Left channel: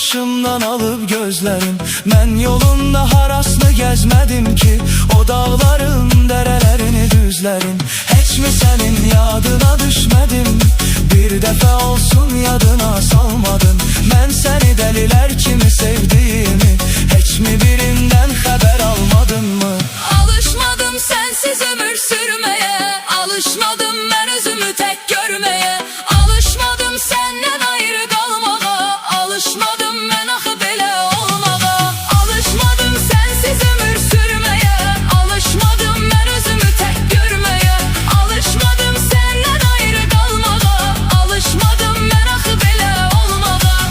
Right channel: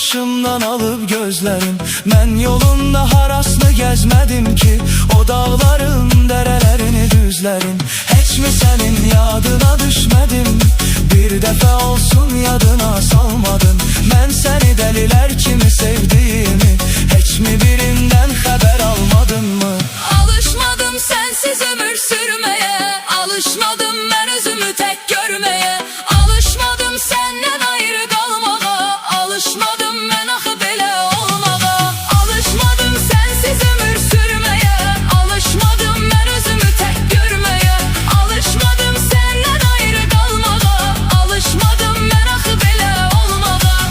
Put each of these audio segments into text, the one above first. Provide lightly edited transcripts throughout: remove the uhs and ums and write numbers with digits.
başımdan alıb gözlərim. Mən yolunda harasını gəzmədim ki, o dağların, dərələrini, düzlərin. Heç mi sənin yadına düşmədim? Bir dəfə olsun yadına salmadın. Mən səni dəlilər kimi sevdiyimi, heç mi birindən xəbər almadın mı? Alışmadım sensiz ömür sürmeye, alışmadım ben özümü tek görmeye, alışmadım senden ayrı kalmağa, alışmadım ben axı belə olmağa, alışmadım sensiz ömür sürmeye, alışmadım ben özümü tek görmeye, alışmadım senden ayrı kalmağa, alışmadım ben axı belə olmağa.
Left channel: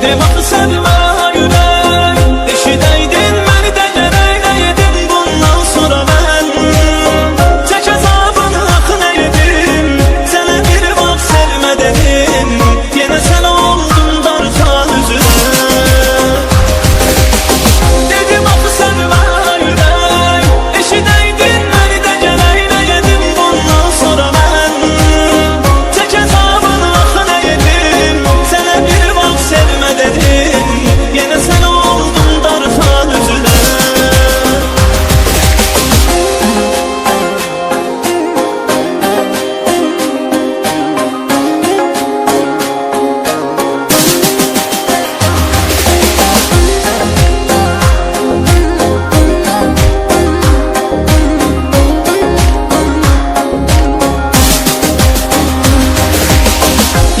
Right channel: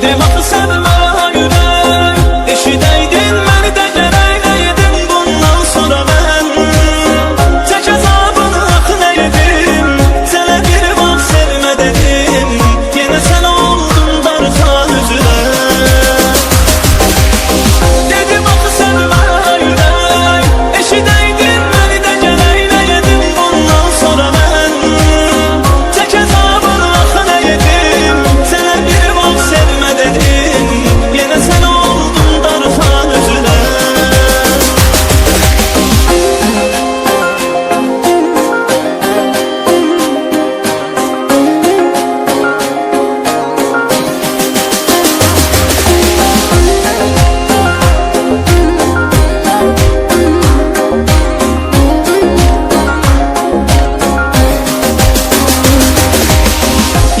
Dedim axı sevmə ürək, eşidəydin məni də gərək nəyədim bundan sonra mən. Tək əzabını axı nəyədim, sənə bir vaxt sevmə dedim, yenə sən oldun darxan üzrə. Dedim axı sevmə ürək, eşidəydin məni də gərək nəyədim bundan sonra mən. Tək əzabını axı nəyədim, sənə bir vaxt sevmə dedim, yenə sən oldun darxan üzrə.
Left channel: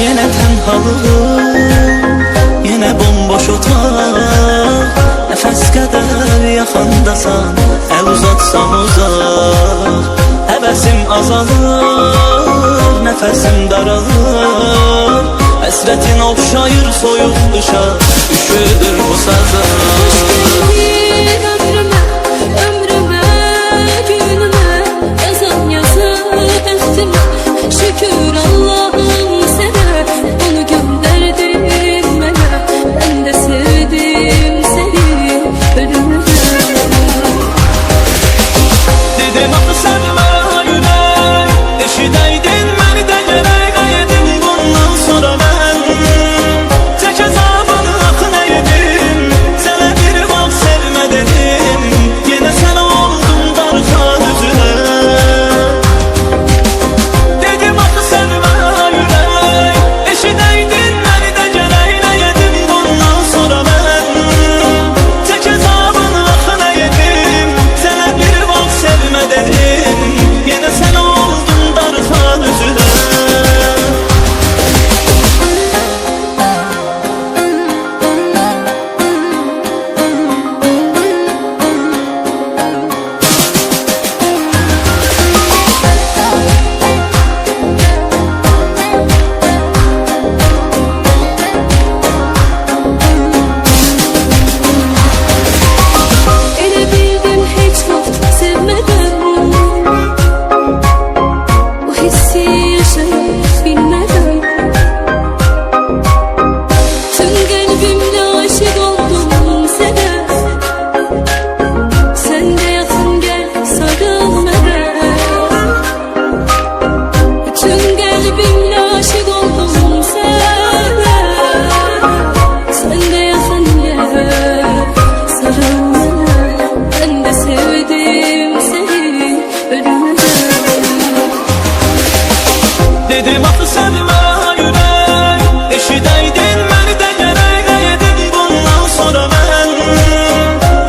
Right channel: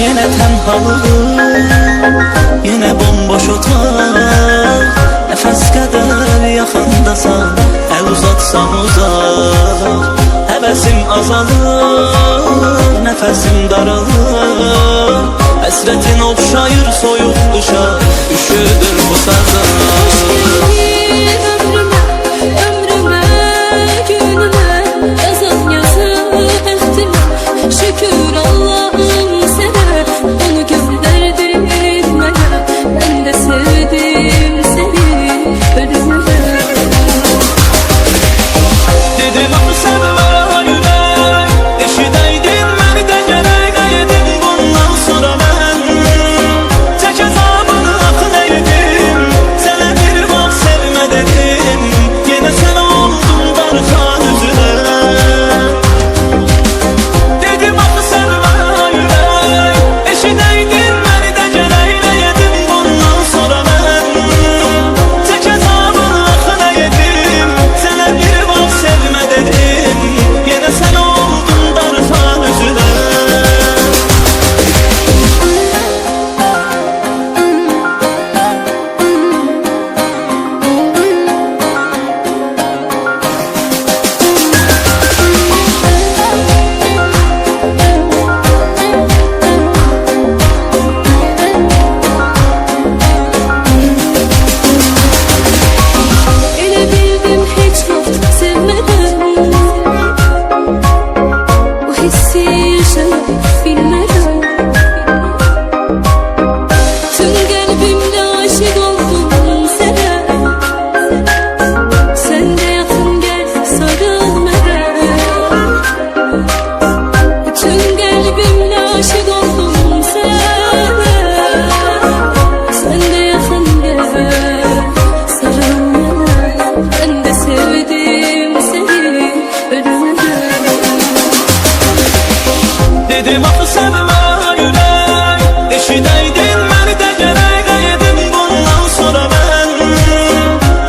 Yenə tənhalığım, yenə bomboş otaq, nəfəs qədər yaxındasan, əl uzatsam uzaq. Həvəsim azalır, nəfəsim daralır, həsrətin oxşayır soyuq qışa, üşüdür bu sazan. Hoş geldin ömrüme, ömrüme, günüme, yazan yazı bəxtimə. Şükür Allah'ım sənə, onu göndərdin mənə. Ben de sevdim seni ölümüne. Dedim axı sevmə ürək, eşidəydin məni də gərək nəyədim bundan sonra mən. Tək əzabını axı nəyədim, sənə bir vaxt sevmə dedim, yenə sən oldun darxan üzrə. Dedim axı sevmə ürək, eşidəydin məni də gərək nəyədim bundan sonra mən. Tək əzabını axı nəyədim, sənə bir vaxt sevmə dedim, yenə sən oldun darxan üzrə. Elə bildim heç vaxt sevmədən, bu hissi yaşaya bilmədən. Tüm qəlbimlə aşık oldum sənə, sən də yaxın gəl sarıl mənə. Tüm qəlbimlə aşık oldum sənə, sən də yaxın gəl sarıl mənə. Ben de sevdim seni ölümüne. Dedim axı sevmə ürək, eşidəydin məni də gərək nəyədim bundan sonra mən.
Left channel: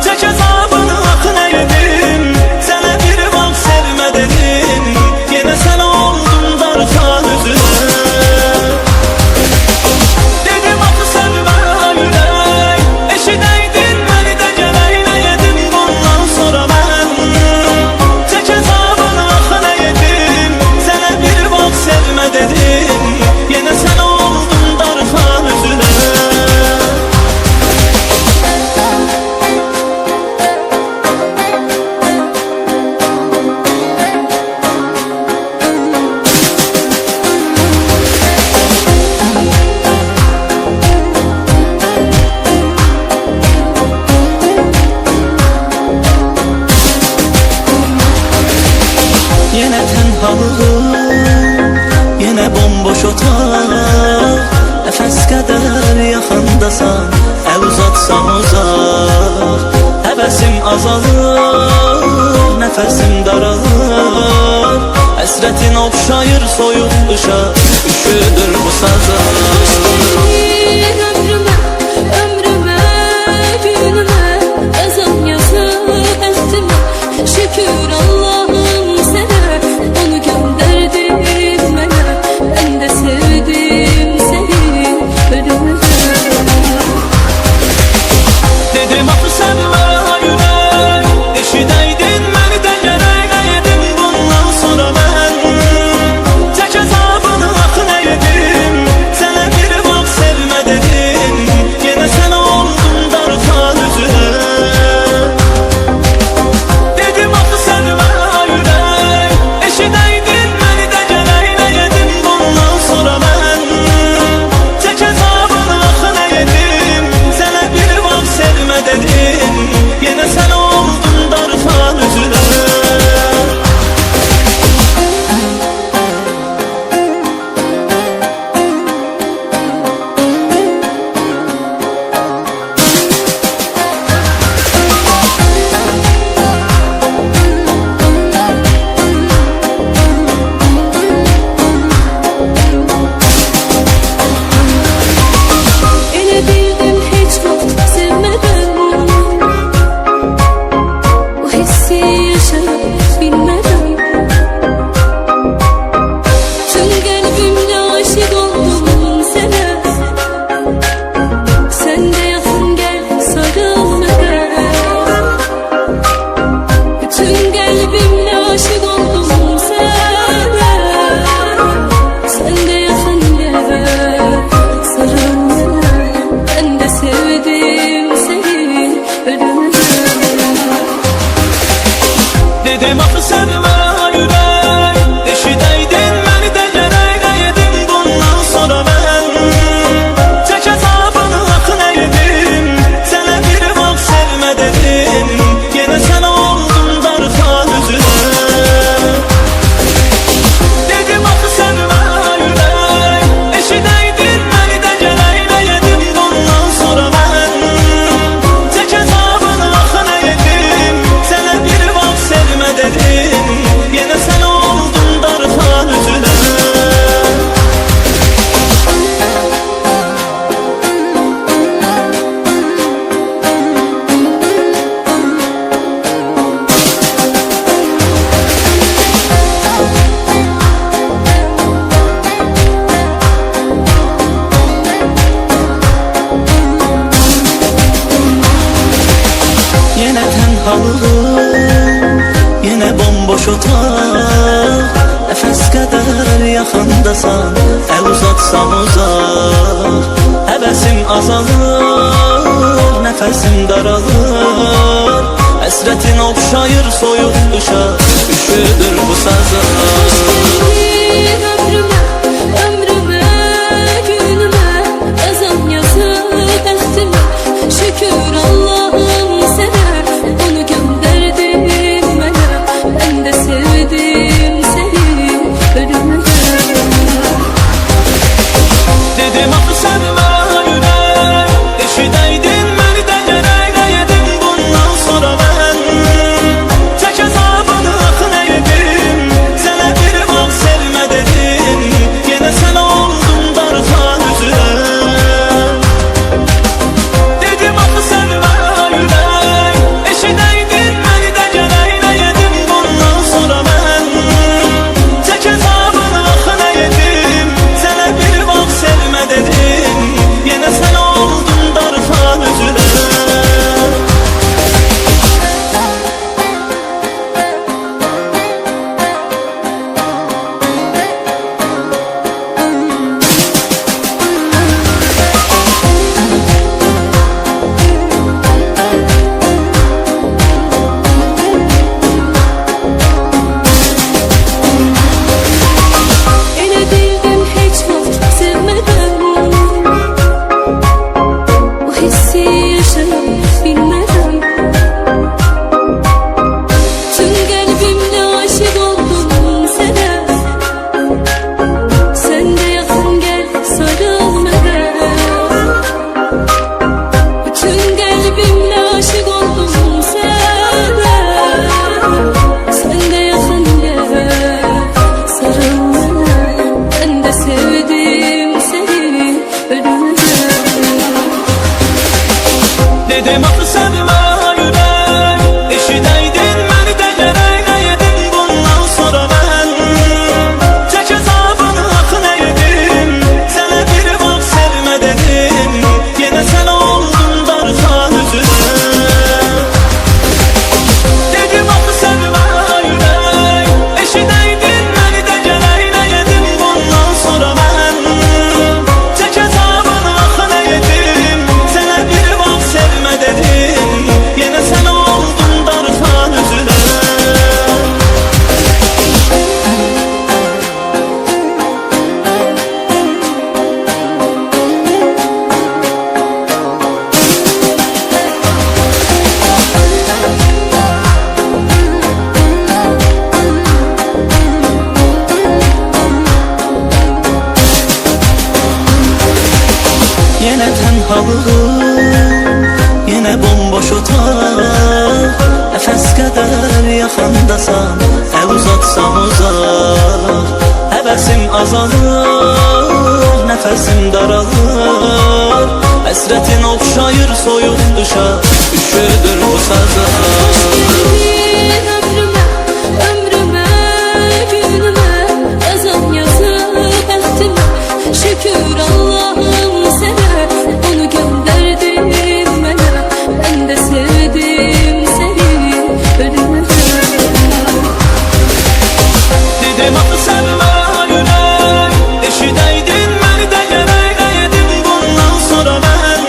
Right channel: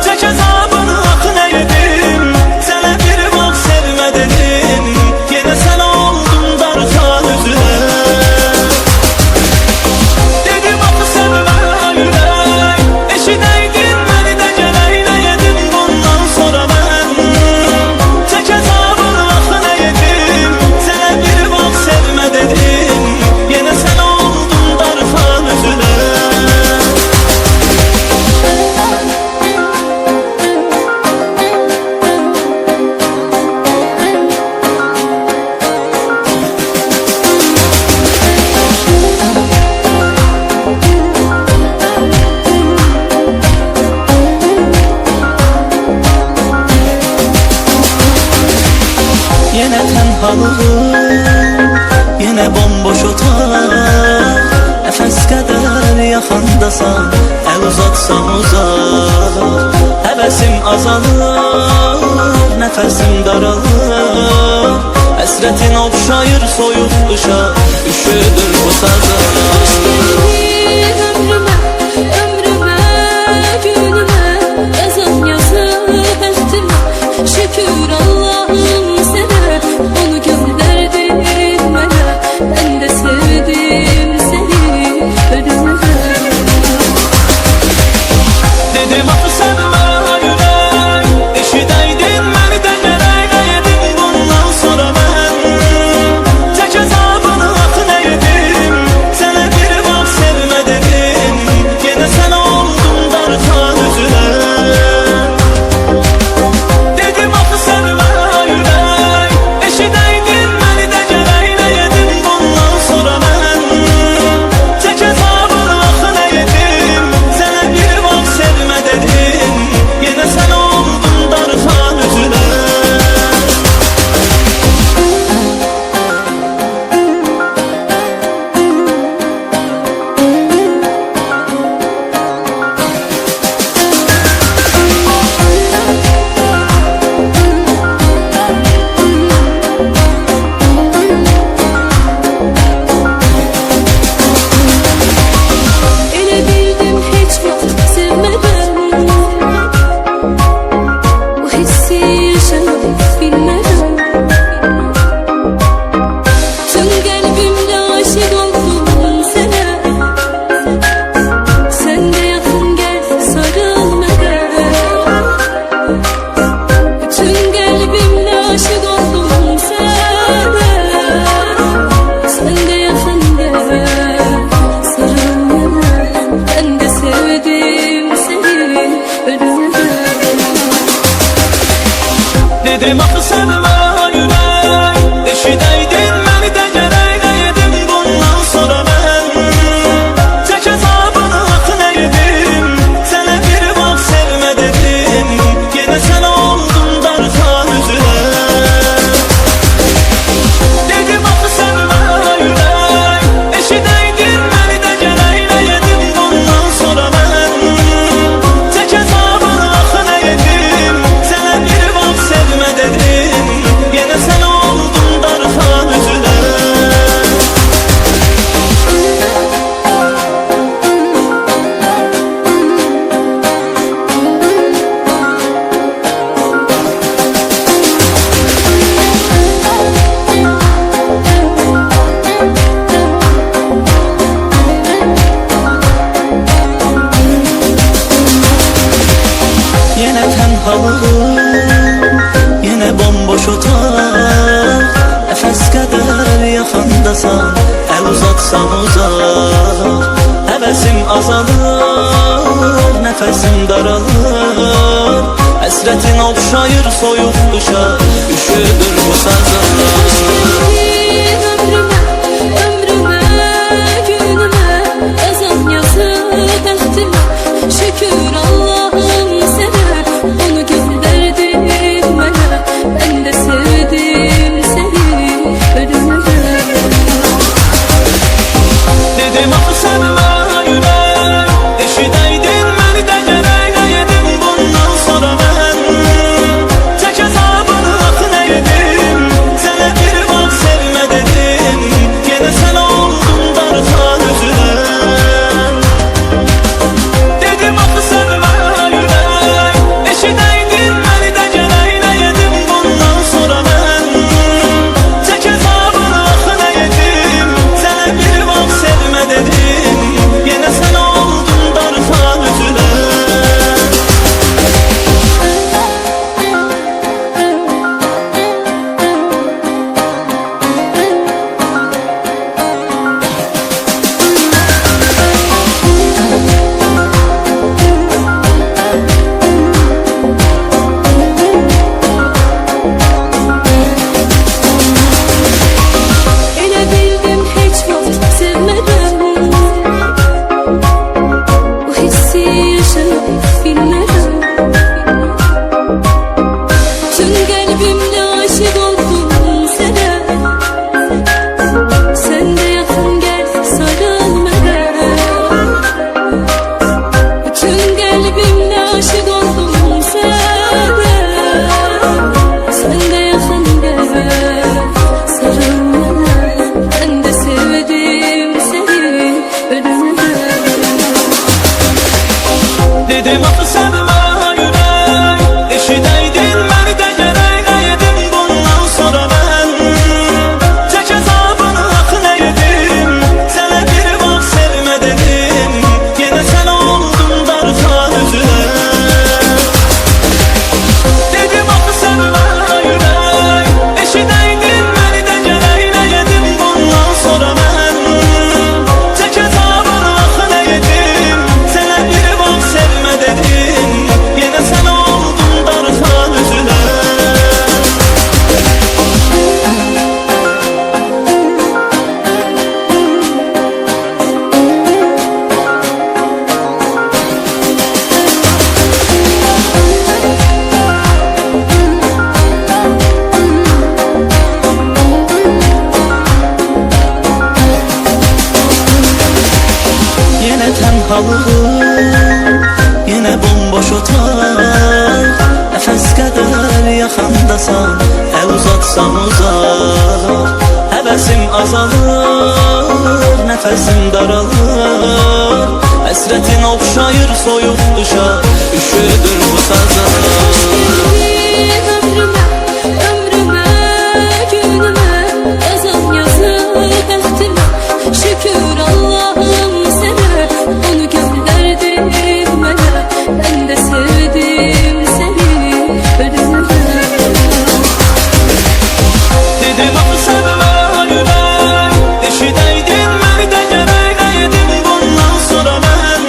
Tək əzabını axı nəyədim, sənə bir vaxt sevmə dedim, yenə sən oldun darxan üzrə. Dedim axı sevmə ürək, eşidəydin məni də gərək nəyədim bundan sonra mən. Tək əzabını axı nəyədim, sənə bir vaxt sevmə dedim, yenə sən oldun darxan üzrə. Yenə tənhalığım, yenə bomboş otaq, nəfəs qədər yaxındasan, əl uzatsam uzaq. Həvəsim azalır, nəfəsim daralır, həsrətin oxşayır soyuq qışa, üşüdür bu sazan. Hoş geldin ömrüme, ömrüme, günüme, yazan yazı bəxtimə. Şükür Allah'ım sənə, onu göndərdin mənə. Ben de sevdim seni ölümüne. Dedim axı sevmə ürək, eşidəydin məni də gərək nəyədim bundan sonra mən. Tək əzabını axı nəyədim, sənə bir vaxt sevmə dedim, sevdim seni ölümden. Dedim axı sevmə ürək, eşidəydin məni də gərək edim. Bundan sonra mən çək əzabını axı nə edim. Sənə bir vaxt sevmə dedim, yenə sən oldun darxan üzünə. Dedim axı sevmə ürək, eşidəydin məni də gərək edim. Bundan sonra mən çək əzabını axı nə edim. Sənə bir vaxt sevmə dedim, yenə sən oldun darxan üzünə. Yenə tənhalığım, yenə bomboş otaq. Nəfəs qədər yaxındasan, əl uzatsam uzaq. Həvəsim azalır, nəfəsim daralır. Həsrətin oxşayır soyuq qışa, üşüdür bu sazlar. Hoş geldin ömrüme, ömrüme, günüme. Yazan yazı bəxtimə, şükür Allah'ım sənə. Onu gönderdin mənə, ben de sevdim seni ölümden. Dedim axı sevmə ürək, eşidəydin məni də gərək edim. Bundan sonra mən çək əzabını axı nə edim. Sənə bir vaxt sevmə dedim, yenə sən oldun darxan üzünə. Dedim axı sevmə ürək, eşidəydin məni də gərək edim. Bundan sonra mən çək əzabını axı nə edim. Sənə bir vaxt sevmə dedim, yenə sən oldun darxan üzünə. Elə bildim heç vaxt sevmədən, bu hissi yaşaya bilmeden. Tüm qəlbimlə aşık oldum sənə. Sen de yaxın gəl sarıl mənə. Tüm qəlbimlə aşık oldum sənə. Sen de yaxın gəl sarıl mənə. Ben de sevdim seni ölümden. Dedim axı sevmə ürək, eşidəydin məni də gərək edim. Bundan sonra mən çək əzabını axı nə edim. Sənə bir vaxt sevmə dedim, yenə sən oldun darxan üzünə. Dedim axı sevmə ürək, eşidəydin məni də gərək edim. Bundan sonra mən çək əzabını axı nə edim. Sənə bir vaxt sevmə dedim, yenə sən oldun darxan üzünə. Yenə tənhalığım, yenə bomboş otaq. Nəfəs qədər yaxındasan, əl uzatsam uzaq. Həvəsim azalır, nəfəsim daralır. Həsrətin oxşayır soyuq qışa, üşüdür bu sazlar. Hoş geldin ömrüme, ömrüme, günüme. Yazan yazı bəxtimə, şükür Allah'ım sənə. Onu gönderdin mənə, ben de sevdim seni ölümden. Dedim axı sevmə ürək, eşidəydin məni də gərək edim. Bundan sonra mən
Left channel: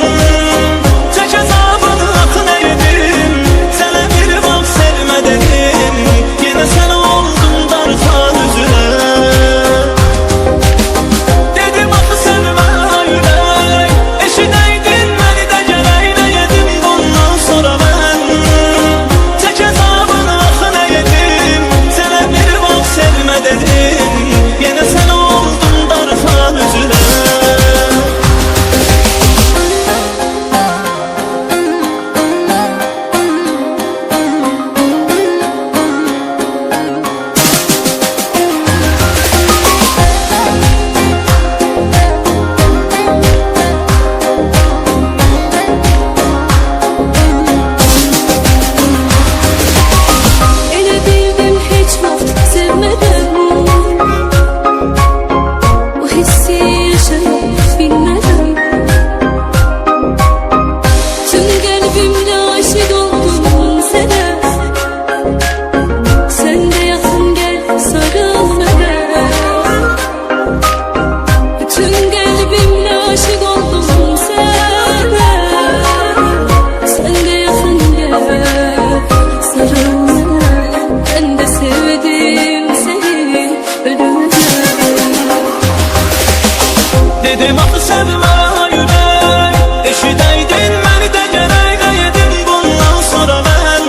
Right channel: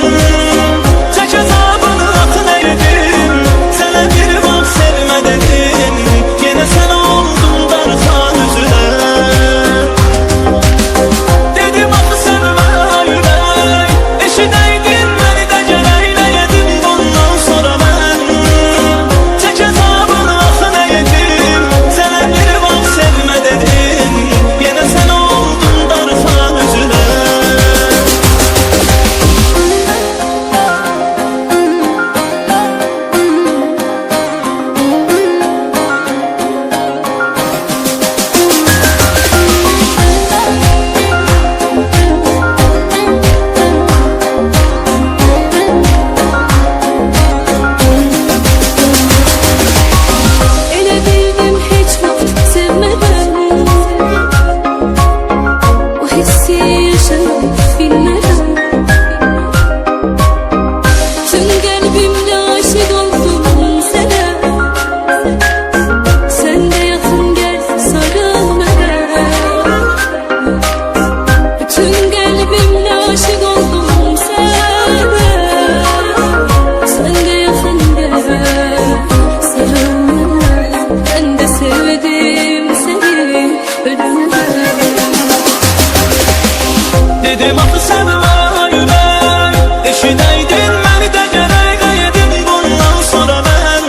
Dedim axı sevmə ürək, eşidəydin məni də gərək edim. Bundan sonra mən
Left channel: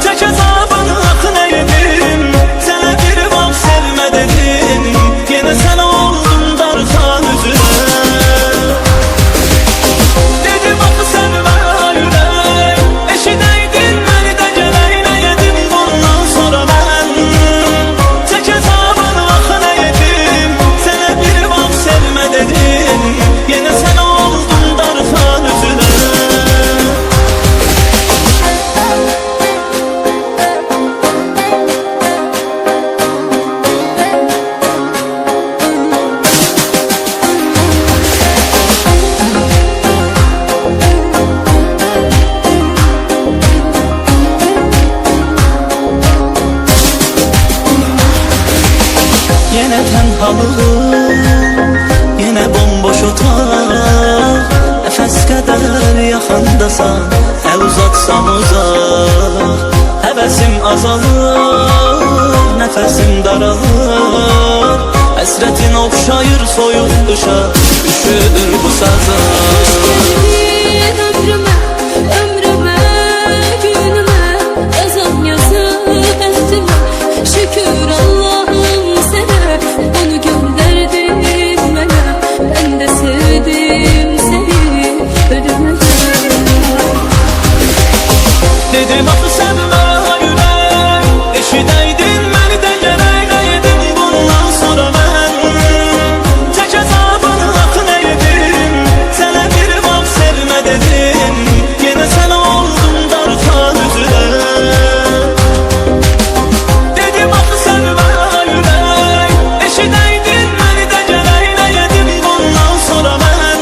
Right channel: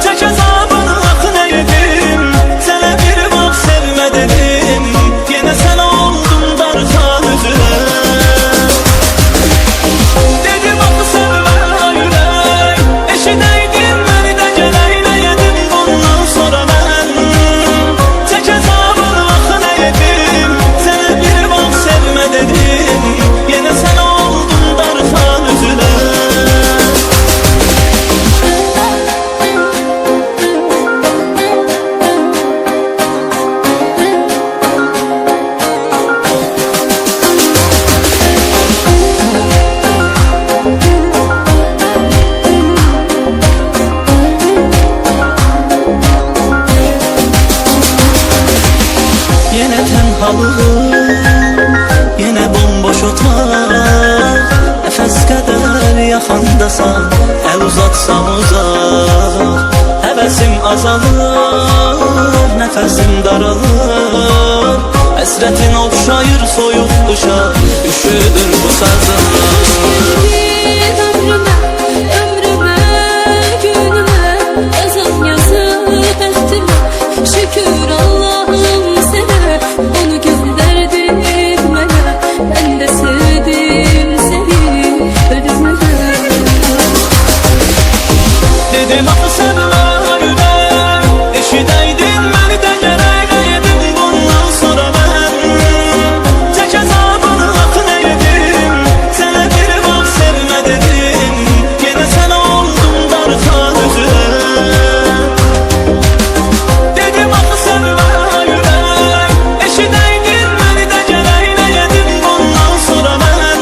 çək əzabını axı nə edim. Sənə bir vaxt sevmə dedim, yenə sən oldun darxan üzünə. Dedim axı sevmə ürək, eşidəydin məni də gərək nə edim. Bundan sonra mən çək əzabını axı nə edim. Sənə bir vaxt sevmə dedim, yenə sən oldun darxan üzünə. Yenə tənhalığım, yenə bomboş otaq. Nəfəs qədər yaxındasan, əl uzatsam uzaq. Həvəsim azalır, nəfəsim daralır. Həsrətin oxşayır soyuq qışa, üşüdür bu sazım. Geldin ömrüme, ömrüme, günüme, yazan yazı bəxtime. Şükür Allah'ım sana, onu gönderdin bana. Ben de sevdim seni, ölümden. Dedim axı sevmə ürək, eşidəydin məni də gərək edim. Bundan sonra mən çək əzabını axı nə edim. Sənə bir vaxt sevmə dedim, yenə sən oldun darxan üzünə. Dedim axı sevmə ürək, eşidəydin məni də gərək nə edim. Bundan sonra mən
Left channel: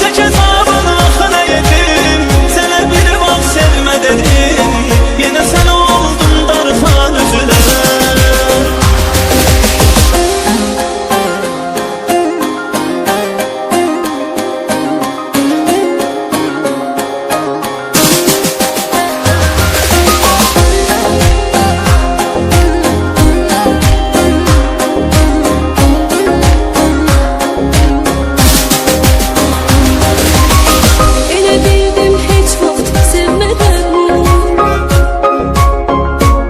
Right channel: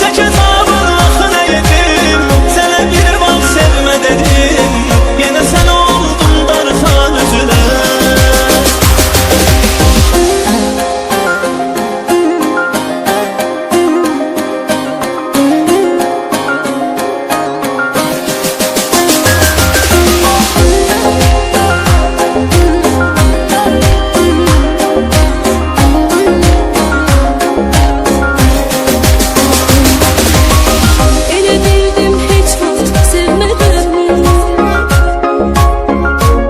çək əzabını axı nə edim. Sənə bir vaxt sevmə dedim, yenə sən oldun darxan üzünə. Elə bildim heç vaxt sevmədən,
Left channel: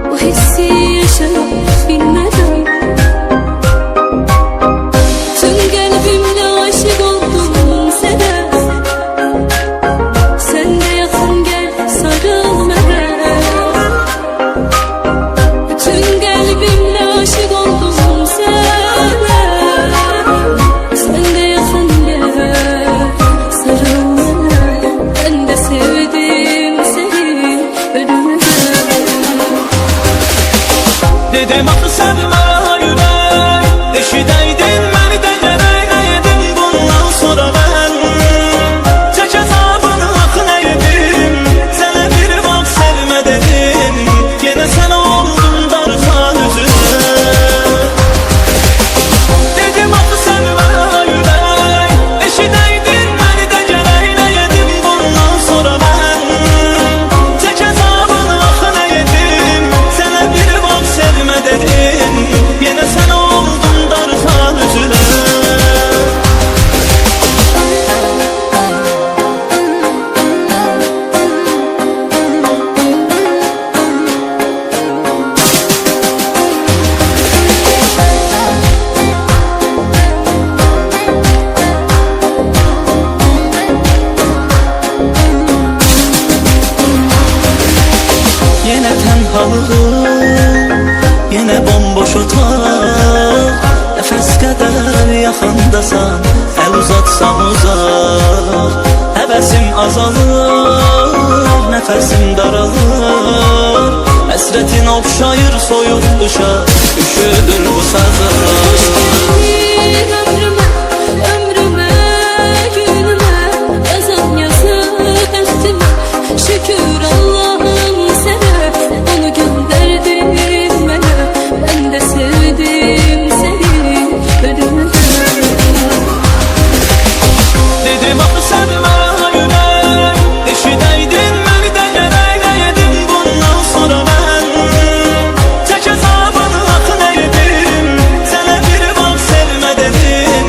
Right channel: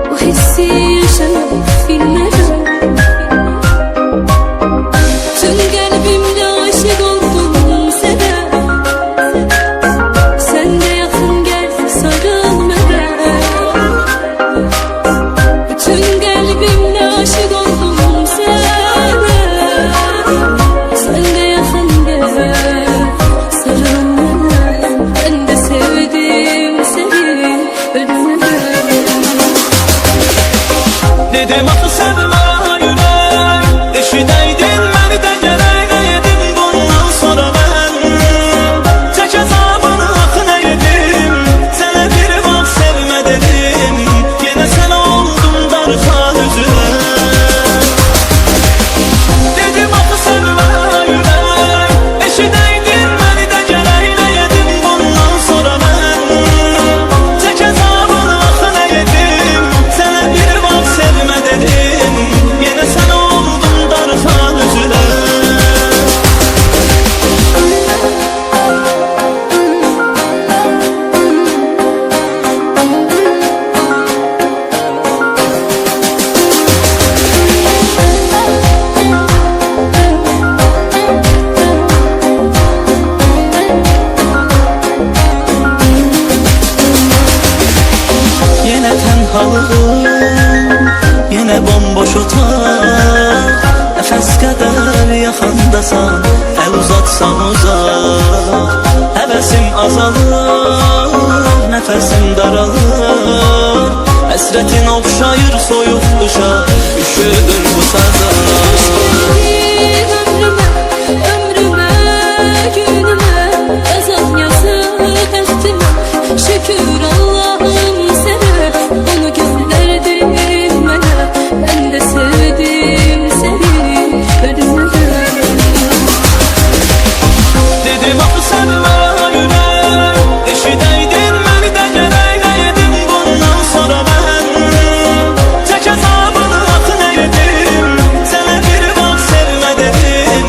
bu hissi yaşaya bilmədən. Tüm qəlbimlə aşık oldum sənə. Sən də yaxın gəl, sarıl mənə. Bütün qəlbimlə aşık oldum sənə. Sən də yaxın gəl, sarıl mənə. Ben de sevdim seni, ölümden. Dedim axı sevmə ürək, eşidəydin məni də gərək edim. Bundan sonra mən çək əzabını axı nə edim. Sənə bir vaxt sevmə dedim, yenə sən oldun darxan üzünə. Dedim axı sevmə ürək, eşidəydin məni də gərək edim. Bundan sonra mən çək əzabını axı nə edim. Sənə bir vaxt sevmə dedim, yenə sən oldun darxan üzünə. Yenə tənhalığım, yenə bomboş otaq. Nəfəs qədər yaxındasan, əl uzatsam uzaq. Həvəsim azalır, nəfəsim daralır. Həsrətin oxşayır soyuq qışa, üşüdür bu sazım. Geldin ömrüme, ömrüme, günüme, yazan yazı bəxtime. Şükür Allah'ım sana, onu gönderdin bana. Ben de sevdim seni, ölümden. Dedim axı sevmə ürək, eşidəydin məni də gərək edim. Bundan sonra mən çək əzabını axı nə edim. Sənə bir vaxt sevmə dedim,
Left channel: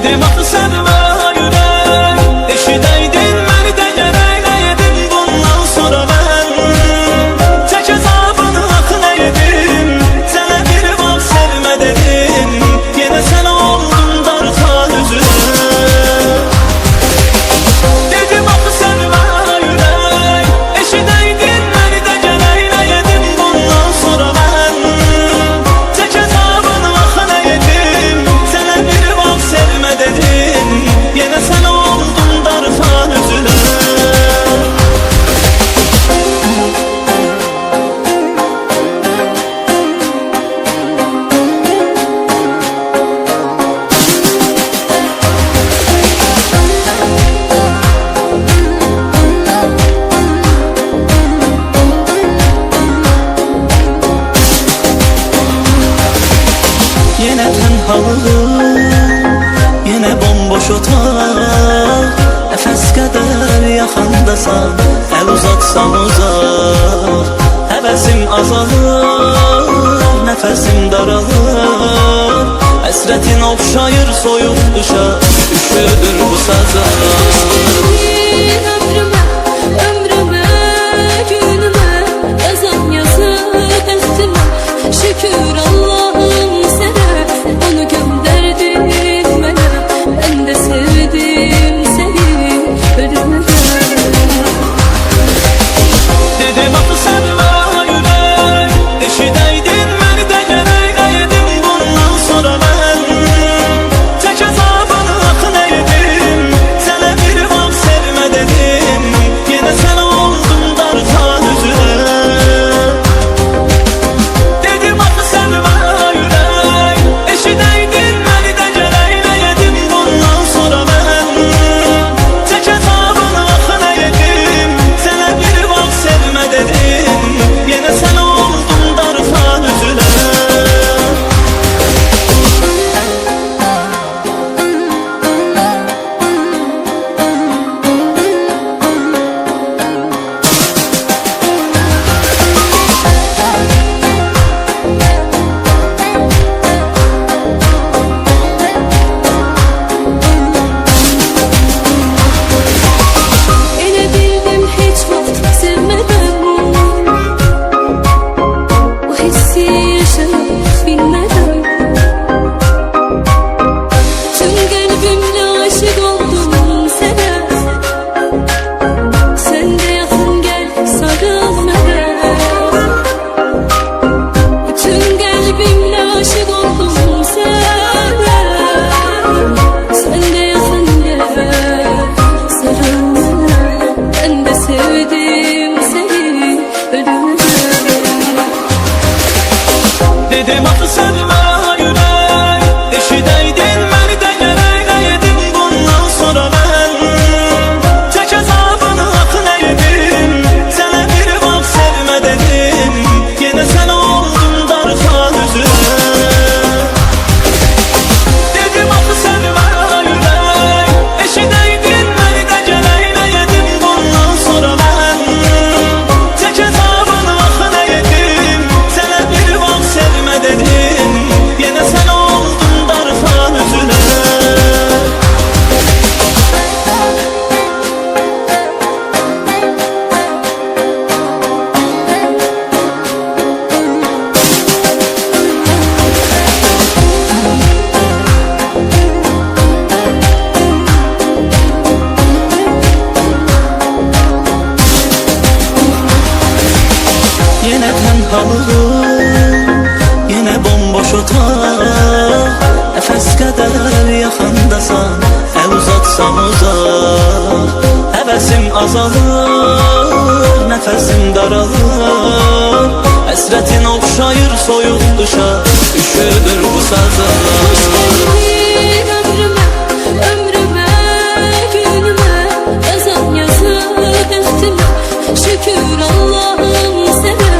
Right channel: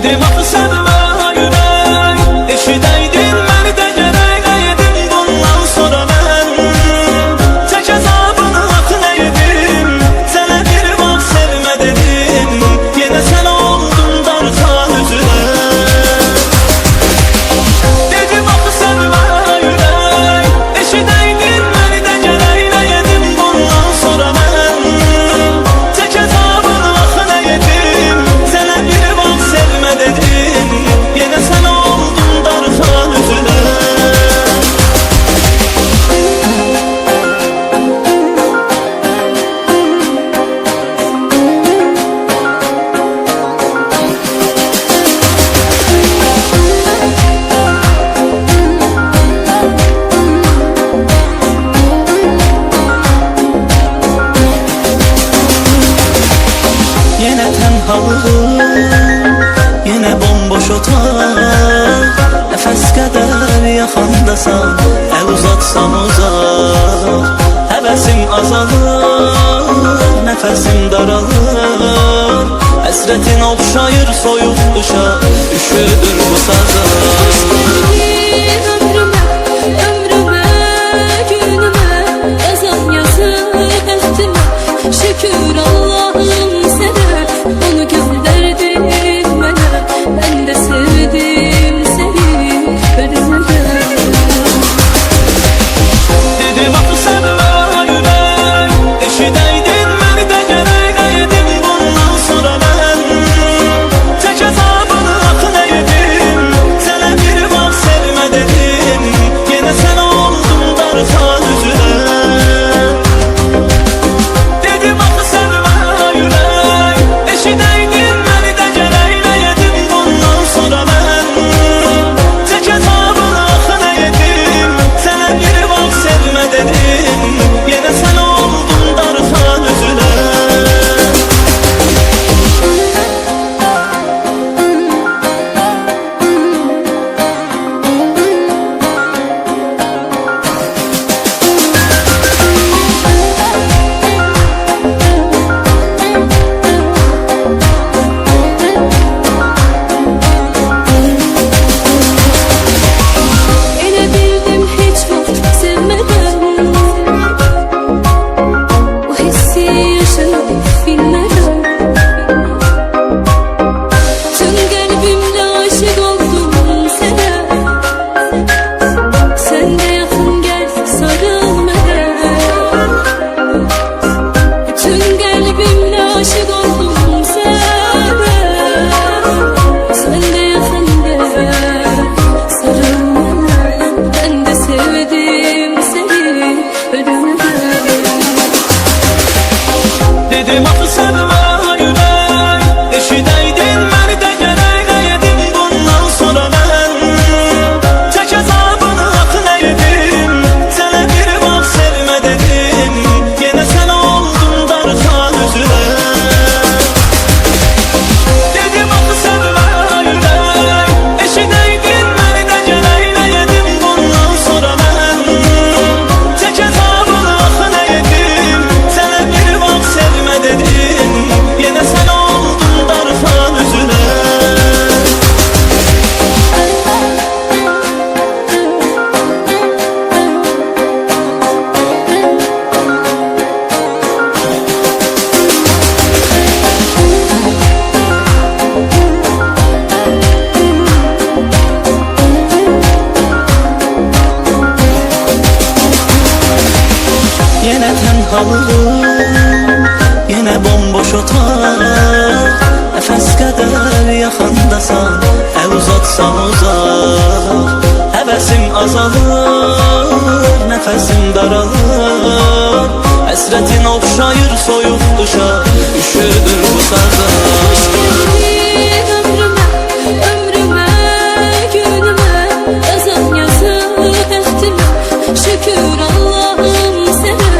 Dedim axı sənmə ürək, eşidəydin məni də gərək. Nə edim bundan sonra mən, çək əzabını axı nə edim. Sənə bir vaxt sevmə dedim, yenə sənə oldum darxan üzrə. Dedim axı sənmə ürək, eşidəydin məni də gərək. Nə edim bundan sonra mən, çək əzabını axı nə edim. Sənə bir vaxt sevmə dedim, yenə sənə oldum darxan üzrə. Yenə tənhalığım, yenə bomboş otaq. Nəfəs qədər yaxandasan, əl uzatsam uzaq. Həvəsim azalır, nəfəsim daralır. Həsrətin oxşayır soyuq qışa, üşüdür bu sazlar. Ömrümə, ömrümə, günümə, yazan yazı bəxtimə. Şükür Allah'ım sənə, onu göndərdin mənə. Mən də sevdim səni, ölümdən. Dedim axı sənmə ürək, eşidəydin məni də gərək. Nə edim bundan sonra mən, çək əzabını axı nə edim. Sənə bir vaxt sevmə dedim, yenə sənə oldum darxan üzrə. Dedim axı sənmə ürək, eşidəydin məni də gərək. Nə edim bundan sonra mən, çək əzabını axı nə edim. Sənə bir vaxt sevmə dedim, yenə sənə oldum darxan üzrə. Elə bildim heç vaxt sevmədən, o hissi yaşayıb bilmədən. Tüm qəlbimlə aşık oldum sənə. Sən də yaxın gəl, sarıl mənə. Tüm qəlbimlə aşık oldum sənə. Sən də yaxın gəl, sarıl mənə. Ben de sevdim seni, ölümden. Dedim axı sənmə ürək, eşidəydin məni də gərək. Nə edim bundan sonra mən, çək əzabını axı nə edim. Sənə bir vaxt sevmə dedim, yenə sənə oldum darxan üzrə. Dedim axı sənmə ürək, eşidəydin məni də gərək. Nə edim bundan sonra mən, çək əzabını axı nə edim. Sənə bir vaxt sevmə dedim, yenə sənə oldum darxan üzrə. Yenə tənhalığım, yenə bomboş otaq. Nəfəs qədər yaxandasan, əl uzatsam uzaq. Həvəsim azalır, nəfəsim daralır. Həsrətin oxşayır soyuq qışa, üşüdür bu sazlar. Hoş geldin ömrüme, ömrüme, günüme, yazan yazı bəxtimə. Şükür Allah'ım sənə,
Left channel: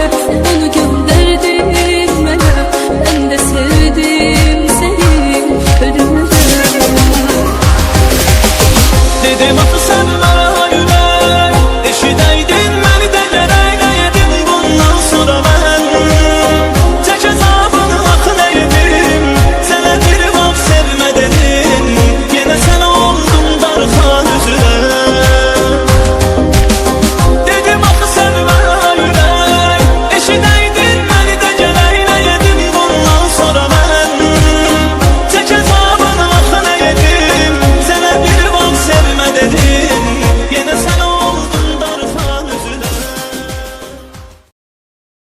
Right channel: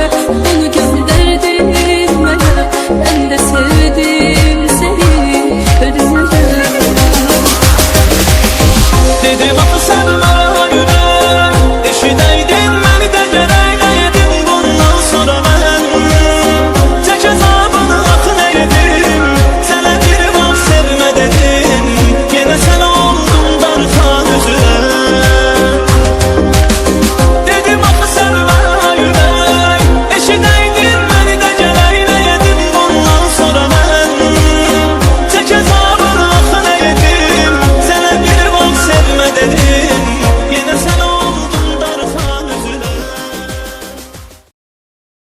onu göndərdin mənə. Ben de sevdim